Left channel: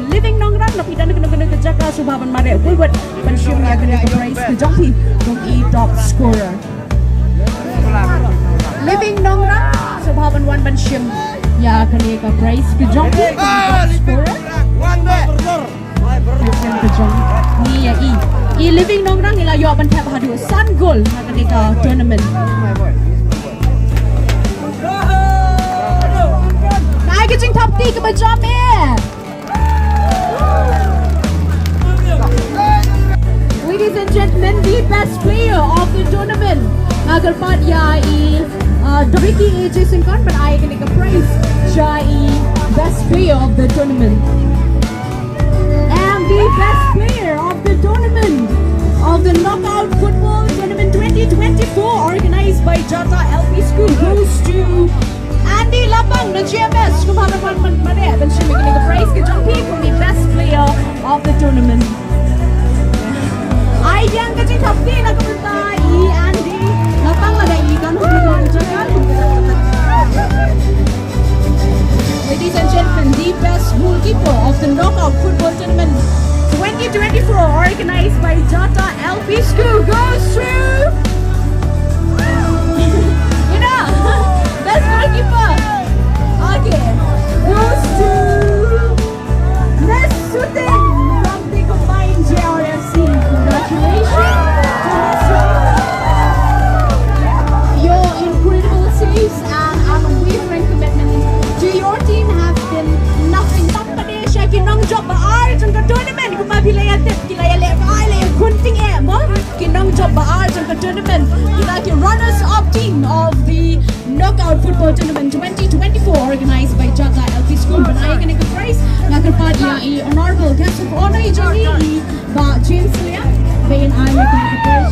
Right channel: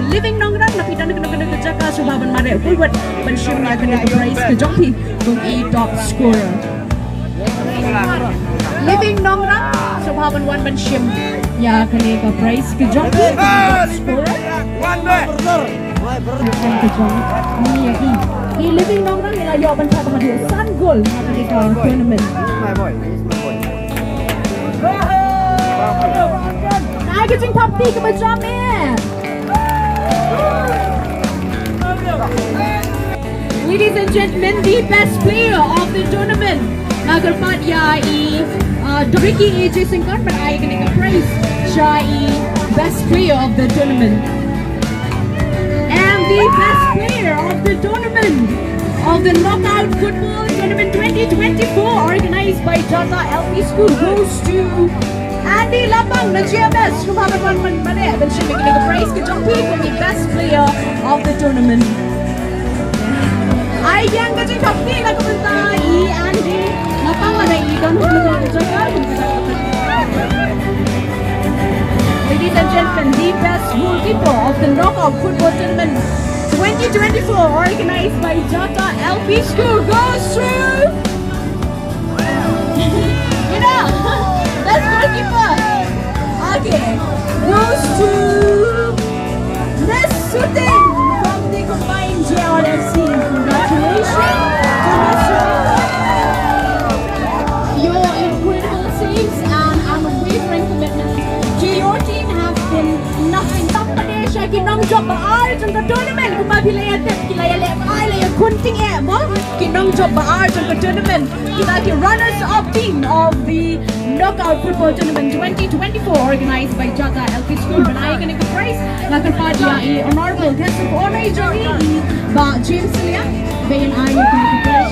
living nongrang lapitan kena Jatah subaban mare pulwat penshim ya kena prize ke jongpi kung top scorer. Living nongrang subaban wan penshim ya kena prize ke jongpi kung top scorer. Ke jong ni ya i living nongrang ila yo ban tap hadu sun goal na kena tournament. Getting top 3 ke bajam Ladies and gentlemen, the best player of the tournament nagarpat ya Doriki AJ Singkon but I can take a prize siya best player of the tournament. And the best player of the tournament of the knockout football tournament 2024 organized by Jatah LP School goes to Andy Lapang na GMS kumabagal man mane then siya may prize ke jongpi for the best player of the tournament. Ay yang kajing kapti na kumanta Andy Lapang na naiigan Ladies and gentlemen, the best goalkeeper of the knockout football tournament 2024 organized by Jatah LP School goes to goes to Miss Sitting from the combined JRFC. Congratulations to your incredible saves and unwavering commitment to your team have been nothing but Malaysia ki nongjop Bah Arden trong tournament kuma bilaya tip kilaya le ai le kunting mo ki nongjop Bah Arden trong tournament kita ki runners up team of the knockout football tournament 2024 organized by Jatah LP School. Banaya kini ka prize nagarpat ya honorable guest of honor jari ba James Lia bayan ay kini ka prize